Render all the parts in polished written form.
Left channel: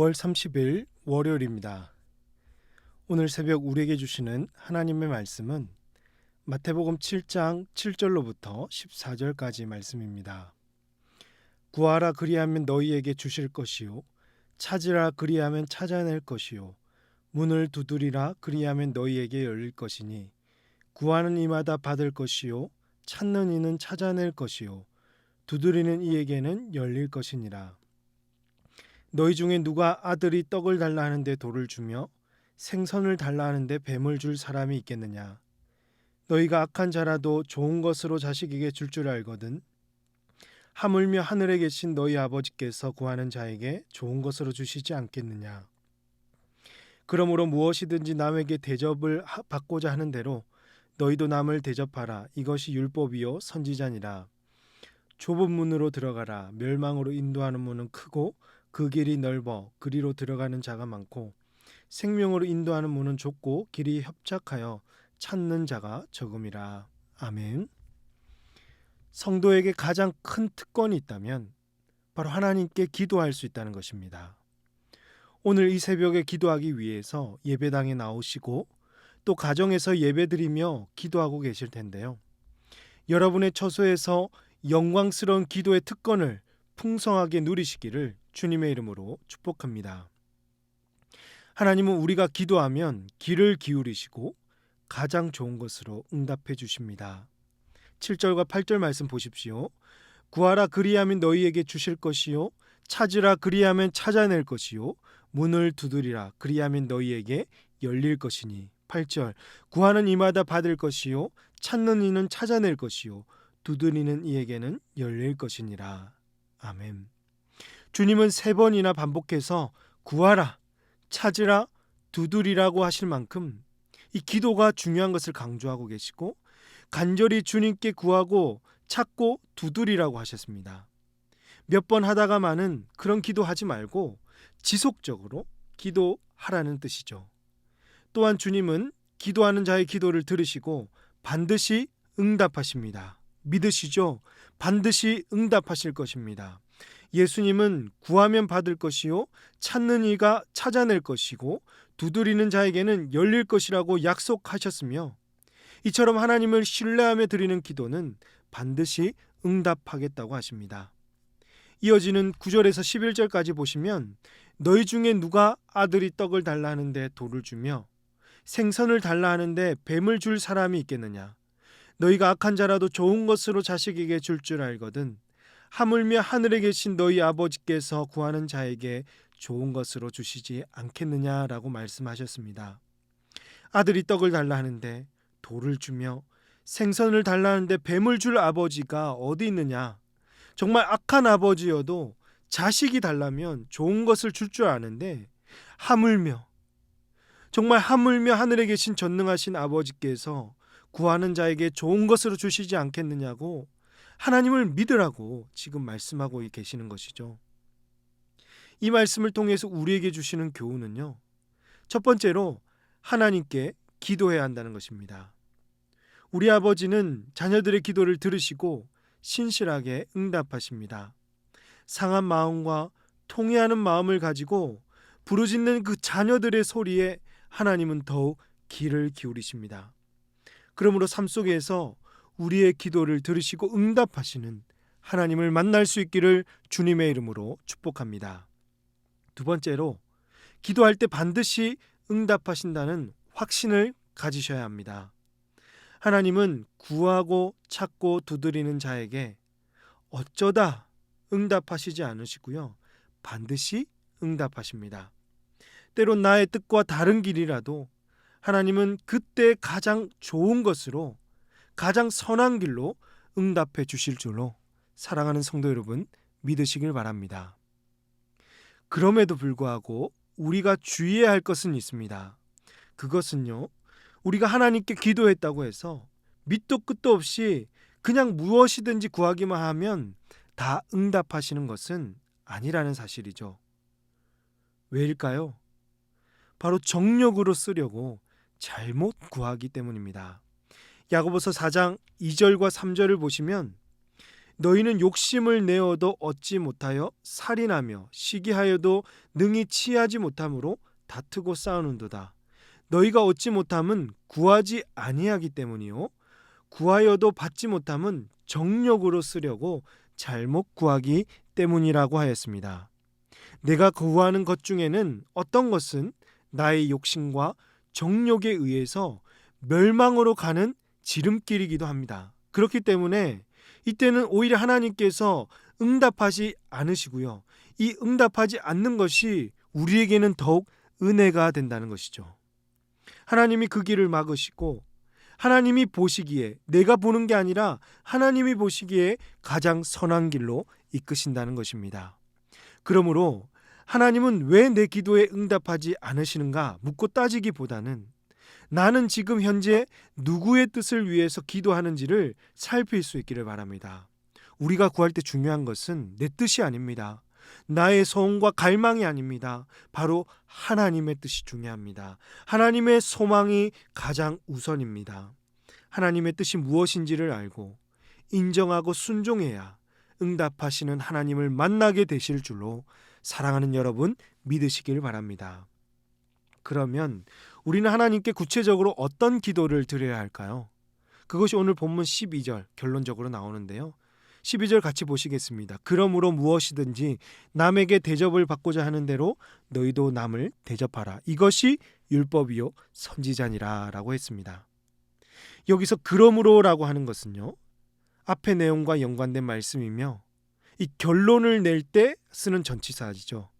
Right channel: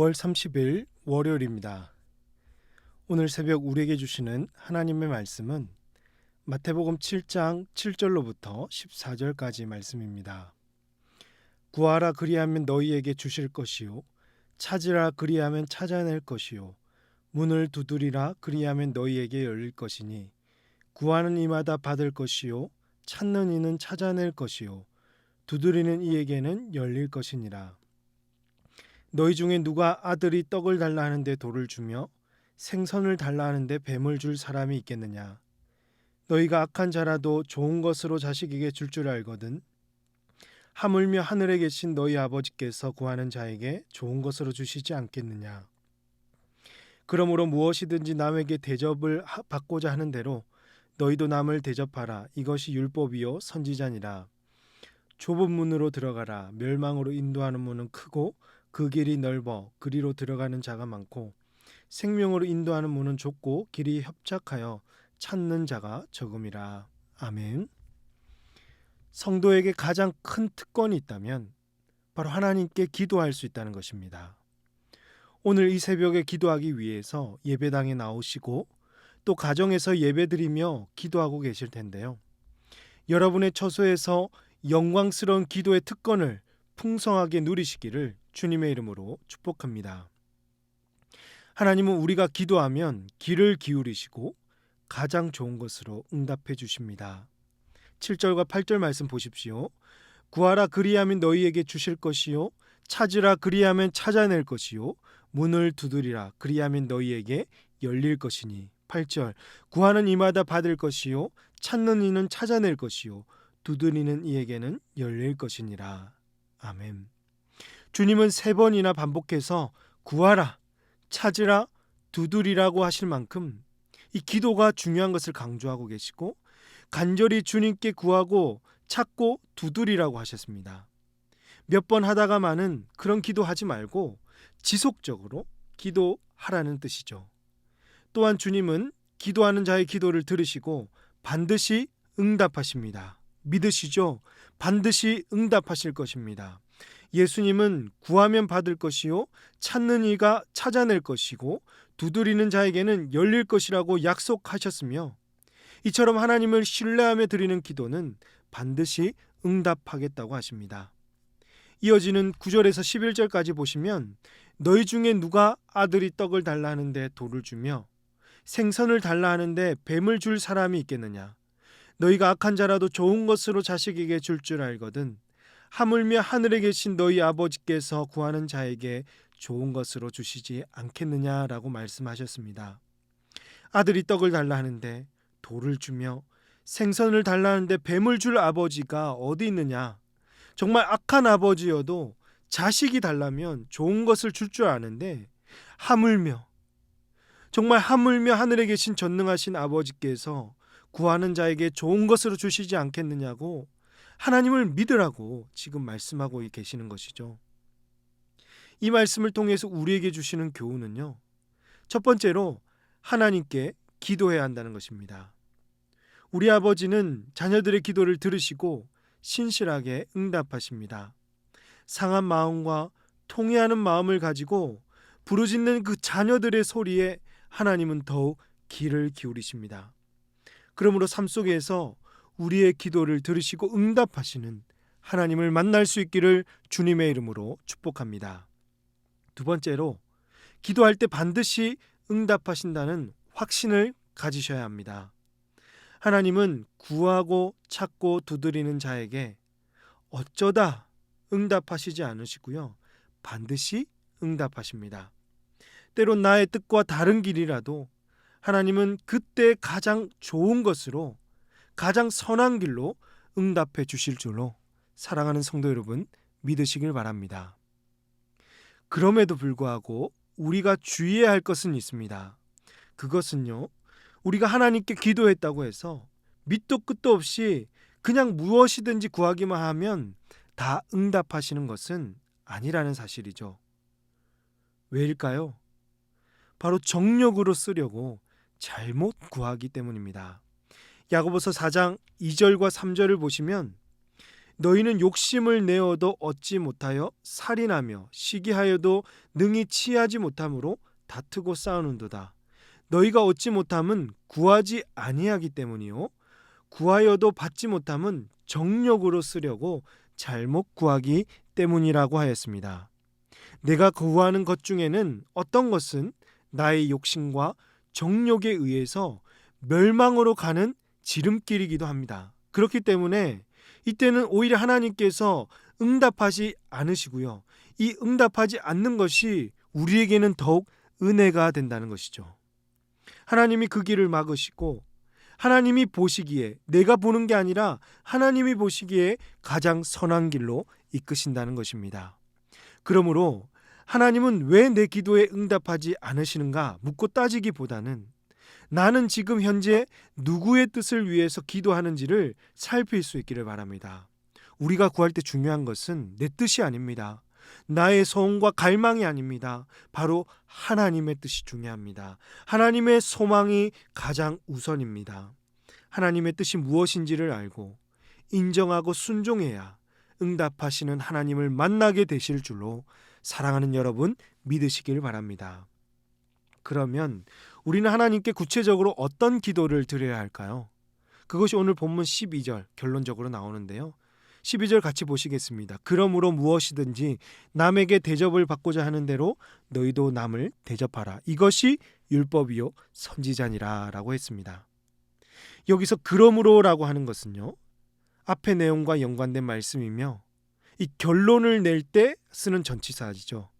5월 30일 월요일입니다. 오늘 새벽 우리에게 주시는 하나님의 말씀은 마태복음 7장 7절로부터 14절까지 말씀입니다. 구하라 그리하면 너희에게 주실 것이요 찾으라 그리하면 찾아낼 것이요 문을 두드리라 그리하면 너희에게 열릴 것이니 구하는 이마다 받을 것이요 찾는 이는 찾아낼 것이요 두드리는 이에게는 열릴 것이니라. 너희 중에 누가 아들이 떡을 달라 하는데 돌을 주며 생선을 달라 하는데 뱀을 줄 사람이 있겠느냐. 너희가 악한 자라도 좋은 것으로 자식에게 줄 알거든. 하물며 하늘에 계신 너희 아버지께서 구하는 자에게 좋은 것으로 주시지 않겠느냐. 그러므로 무엇이든지 남에게 대접을 받고자 하는 대로 너희도 남을 대접하라. 이것이 율법이요 선지자니라. 좁은 문으로 들어가라. 멸망으로 인도하는 문은 크고 그 길이 넓어 그리로 들어가는 자가 많고 생명으로 인도하는 문은 좁고 길이 협착하여 찾는 자가 적음이라. 아멘. 성도에게 가장 큰 특권이 있다면 바로 하나님께 기도할 수 있다는 것입니다. 오늘 이 새벽에 기도하기 위해서 예배당에 나오시고 또 가정에서 예배드리며 기도하고 계실 텐데요. 여러분의 처소에서 영광스러운 기도의 특권을 풍성하게 누리시기를 주님의 이름으로 축복합니다. 하나님은 우리가 기도하면 귀를 기울이시고 가장 좋은 것으로 응답해 주십니다. 7절과 8절 말씀 보십시오. 구하라 그리하면 너희에게 주실 것이요 찾으라 그리하면 찾아낼 것이요 문을 두드리라 그리하면 너희에게 열릴 것이니. 8절 구하는 이마다 받을 것이요 찾는 이는 찾아낼 것이요 두드리는 이에게는 열릴 것이니라. 아멘. 주님은 3번이나 반복해서 구하라, 찾으라, 두드리라고 하실 만큼 이 기도가 중요한 것을 강조하고 계시고 간절히 주님께 구하고 찾고 두드리라고 하셨습니다. 몇 번 하다가만은 그런 기도하지 말고 지속적으로 기도하라는 뜻이죠. 또한 주님은 기도하는 자의 기도를 들으시고 반드시 응답하십니다. 믿으시죠? 반드시 응답하실 것입니다. 예수님은 구하면 받을 것이요 찾는 이가 찾아낼 것이고 두드리는 자에게는 열릴 것이라고 약속하셨으며 이처럼 하나님을 신뢰하며 드리는 기도는 반드시 응답하겠다고 하십니다. 이어지는 9절에서 11절까지 보시면 너희 중에 누가 아들이 떡을 달라 하는데 돌을 주며 생선을 달라 하는데 뱀을 줄 사람이 있겠느냐. 너희가 악한 자라도 좋은 것으로 자식에게 줄 알거든. 하물며 하늘에 계신 너희 아버지께서 구하는 자에게 좋은 것으로 주시지 않겠느냐라고 말씀하셨습니다. 아들이 떡을 달라 하는데 돌을 주며 생선을 달라 하는데 뱀을 줄 아버지가 어디 있느냐. 정말 악한 아버지여도 자식이 달라면 좋은 것을 줄 아는데 정말 하물며 하늘에 계신 전능하신 아버지께서 구하는 자에게 좋은 것으로 주시지 않겠느냐고 하나님을 믿으라고 지금 말씀하고 계시는 것이죠. 이 말씀을 통해서 우리에게 주시는 교훈은요. 첫 번째로 하나님께 기도해야 한다는 것입니다. 우리 아버지는 자녀들의 기도를 들으시고 신실하게 응답하십니다. 상한 마음과 통회하는 마음을 가지고 부르짖는 그 자녀들의 소리에 하나님은 더욱 귀를 기울이십니다. 그러므로 삶 속에서 우리의 기도를 들으시고 응답하시는 하나님을 만날 수 있기를 주님의 이름으로 축복합니다. 두 번째로 기도할 때 반드시 응답하신다는 확신을 가지셔야 합니다. 하나님은 구하고 찾고 두드리는 자에게 어쩌다 응답하시지 않으시고요. 반드시 응답하십니다. 때론 나의 뜻과 다른 길이라도 하나님은 그때 가장 좋은 것으로 가장 선한 길로 응답해 주실 줄로 사랑하는 성도 여러분 믿으시길 바랍니다. 그럼에도 불구하고 우리가 주의해야 할 것은 있습니다. 그것은요, 우리가 하나님께 기도했다고 해서 밑도 끝도 없이 그냥 무엇이든지 구하기만 하면 다 응답하시는 것은 아니라는 사실이죠. 왜일까요? 바로 정력으로 쓰려고 잘못 구하기 때문입니다. 야고보서 4장 2절과 3절을 보시면 너희는 욕심을 내어도 얻지 못하여 살인하며 시기하여도 능히 취하지 못함으로 다투고 싸우는도다. 너희가 얻지 못함은 구하지 아니하기 때문이요 구하여도 받지 못함은 정욕으로 쓰려고 잘못 구하기 때문이라고 하였습니다. 내가 구하는 것 중에는 어떤 것은 나의 욕심과 정욕에 의해서 멸망으로 가는 지름길이기도 합니다. 그렇기 때문에 이때는 오히려 하나님께서 응답하지 않으시고요. 이 응답하지 않는 것이 우리에게는 더욱 은혜가 된다는 것이죠. 하나님이 그 길을 막으시고 하나님이 보시기에 내가 보는 게 아니라 하나님이 보시기에 가장 선한 길로 이끄신다는 것입니다. 그러므로 하나님은 왜 내 기도에 응답하지 않으시는가 묻고 따지기보다는 나는 지금 현재 누구의 뜻을 위해서 기도하는지를 살필 수 있기를 바랍니다. 우리가 구할 때 중요한 것은 내 뜻이 아닙니다. 나의 소원과 갈망이 아닙니다. 바로 하나님의 뜻이 중요합니다. 하나님의 소망이 가장 우선입니다. 하나님의 뜻이 무엇인지를 알고 인정하고 순종해야 응답하시는 하나님을 만나게 되실 줄로 사랑하는 여러분 믿으시길 바랍니다. 그러면 우리는 하나님께 구체적으로 어떤 기도를 드려야 할까요? 그것이 오늘 본문 12절 결론적으로 나오는데요. 12절 같이 보시겠습니다. 그러므로 무엇이든지 남에게 대접을 받고자 하는 대로 너희도 남을 대접하라. 이것이 율법이요 선지자니라 라고 했습니다. 여기서 그러므로라고 하는 것은요. 앞의 내용과 연관된 말씀이며 이 결론을 낼 때 쓰는 전치사죠.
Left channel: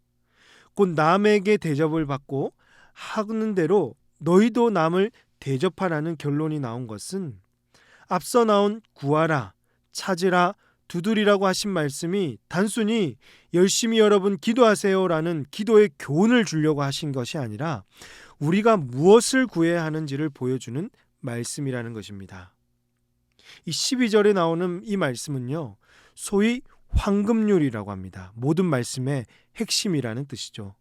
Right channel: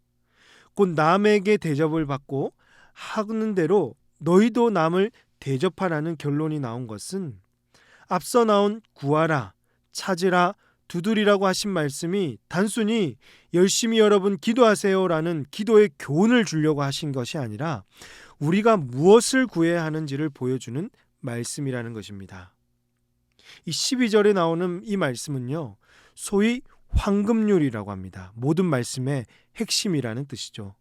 곧 남에게 대접을 받고 하는 대로 너희도 남을 대접하라는 결론이 나온 것은 앞서 나온 구하라, 찾으라, 두드리라고 하신 말씀이 단순히 열심히 여러분 기도하세요라는 기도의 교훈을 주려고 하신 것이 아니라 우리가 무엇을 구해야 하는지를 보여주는 말씀이라는 것입니다. 이 12절에 나오는 이 말씀은요. 소위 황금률이라고 합니다. 모든 말씀의 핵심이라는 뜻이죠.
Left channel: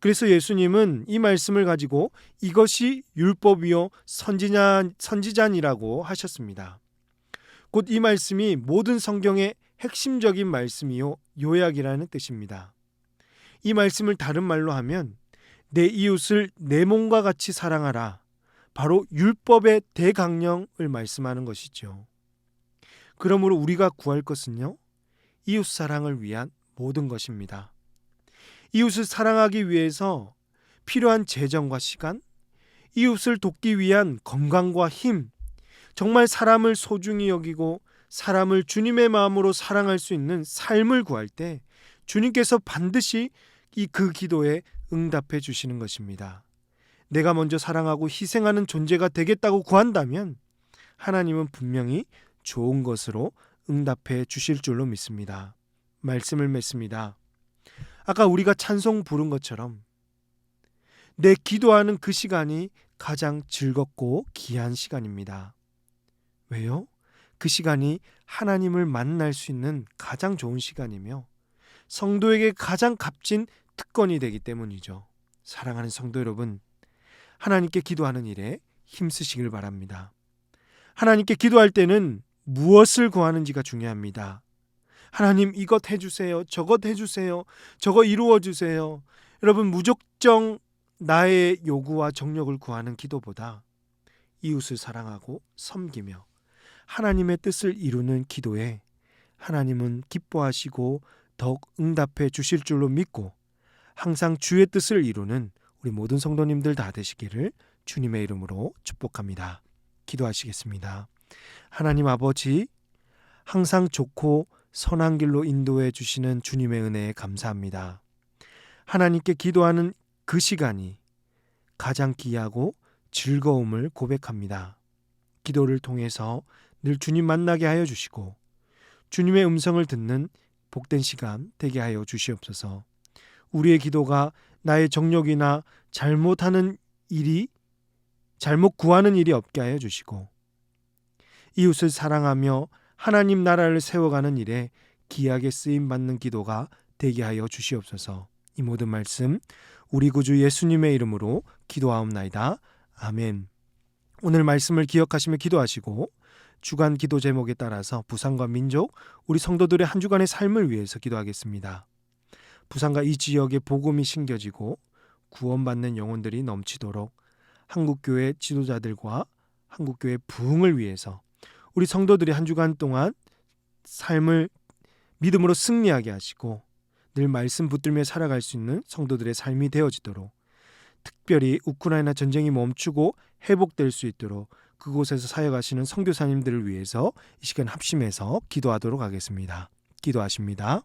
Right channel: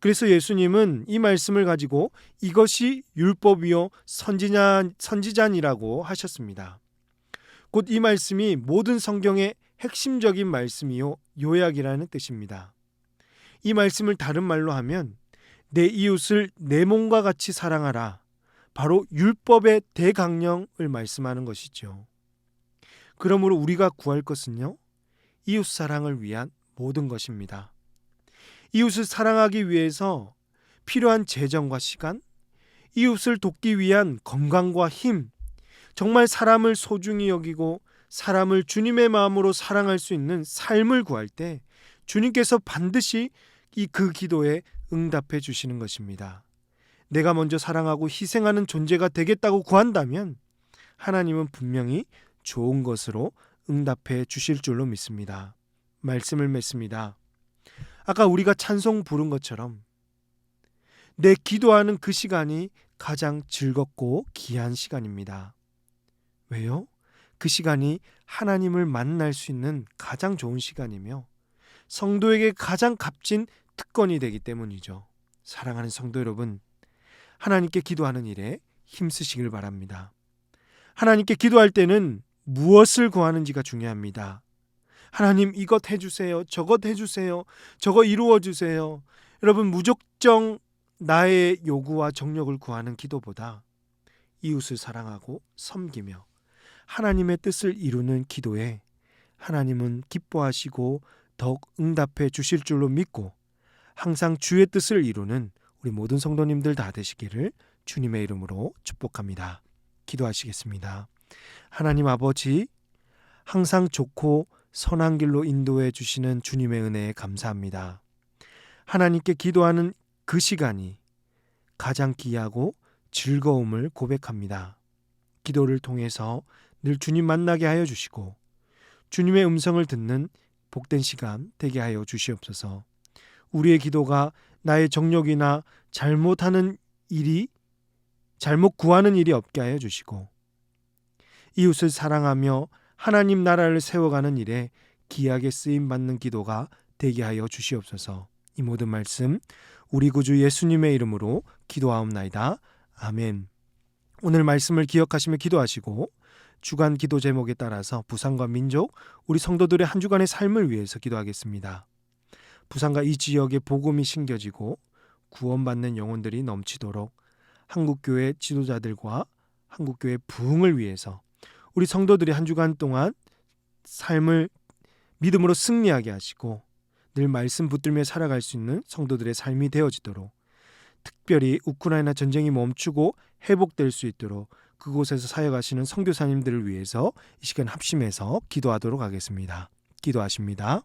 그래서 예수님은 이 말씀을 가지고 이것이 율법이요 선지자니라고 하셨습니다. 곧 이 말씀이 모든 성경의 핵심적인 말씀이요 요약이라는 뜻입니다. 이 말씀을 다른 말로 하면 내 이웃을 내 몸과 같이 사랑하라. 바로 율법의 대강령을 말씀하는 것이죠. 그러므로 우리가 구할 것은요. 이웃 사랑을 위한 모든 것입니다. 이웃을 사랑하기 위해서 필요한 재정과 시간, 이웃을 돕기 위한 건강과 힘, 정말 사람을 소중히 여기고 사람을 주님의 마음으로 사랑할 수 있는 삶을 구할 때 주님께서 반드시 그 기도에 응답해 주시는 것입니다. 내가 먼저 사랑하고 희생하는 존재가 되겠다고 구한다면 하나님은 분명히 좋은 것으로 응답해 주실 줄로 믿습니다. 말씀을 맺습니다. 아까 우리가 찬송 부른 것처럼 내 기도하는 그 시간이 가장 즐겁고 귀한 시간입니다. 왜요? 그 시간이 하나님을 만날 수 있는 가장 좋은 시간이며 성도에게 가장 값진 특권이 되기 때문이죠. 사랑하는 성도 여러분, 하나님께 기도하는 일에 힘쓰시길 바랍니다. 하나님께 기도할 때는 무엇을 구하는지가 중요합니다. 하나님 이것 해주세요. 저것 해주세요. 저거 이루어주세요. 여러분 무작정 나의 요구와 정력을 구하는 기도보다 이웃을 사랑하고 섬기며 하나님의 뜻을 이루는 기도에 하나님은 기뻐하시고 더욱 응답해 주실 줄로 믿고 항상 주의 뜻을 이루는 우리 모든 성도님들 다 되시기를 주님의 이름으로 축복합니다. 기도하시겠습니다. 하나님 아버지, 항상 좋고 선한 길로 인도해 주시는 주님의 은혜에 감사합니다. 하나님께 기도하는 그 시간이 가장 귀하고 즐거움을 고백합니다. 기도를 통해서 늘 주님 만나게 하여 주시고 주님의 음성을 듣는 복된 시간 되게 하여 주시옵소서. 우리의 기도가 나의 정욕이나 잘못 구하는 일이 없게 하여 주시고 이웃을 사랑하며 하나님 나라를 세워가는 일에 귀하게 쓰임받는 기도가 되게 하여 주시옵소서. 이 모든 말씀 우리 구주 예수님의 이름으로 기도하옵나이다. 아멘. 오늘 말씀을 기억하시며 기도하시고 주간 기도 제목에 따라서 부산과 민족, 우리 성도들의 한 주간의 삶을 위해서 기도하겠습니다. 부산과 이 지역에 복음이 심겨지고 구원받는 영혼들이 넘치도록 한국교회 지도자들과 한국교회 부흥을 위해서 우리 성도들이 한 주간 동안 삶을 믿음으로 승리하게 하시고 늘 말씀 붙들며 살아갈 수 있는 성도들의 삶이 되어지도록, 특별히 우크라이나 전쟁이 멈추고 회복될 수 있도록 그곳에서 사역하시는 선교사님들을 위해서 이 시간 합심해서 기도하도록 하겠습니다. 기도하십니다.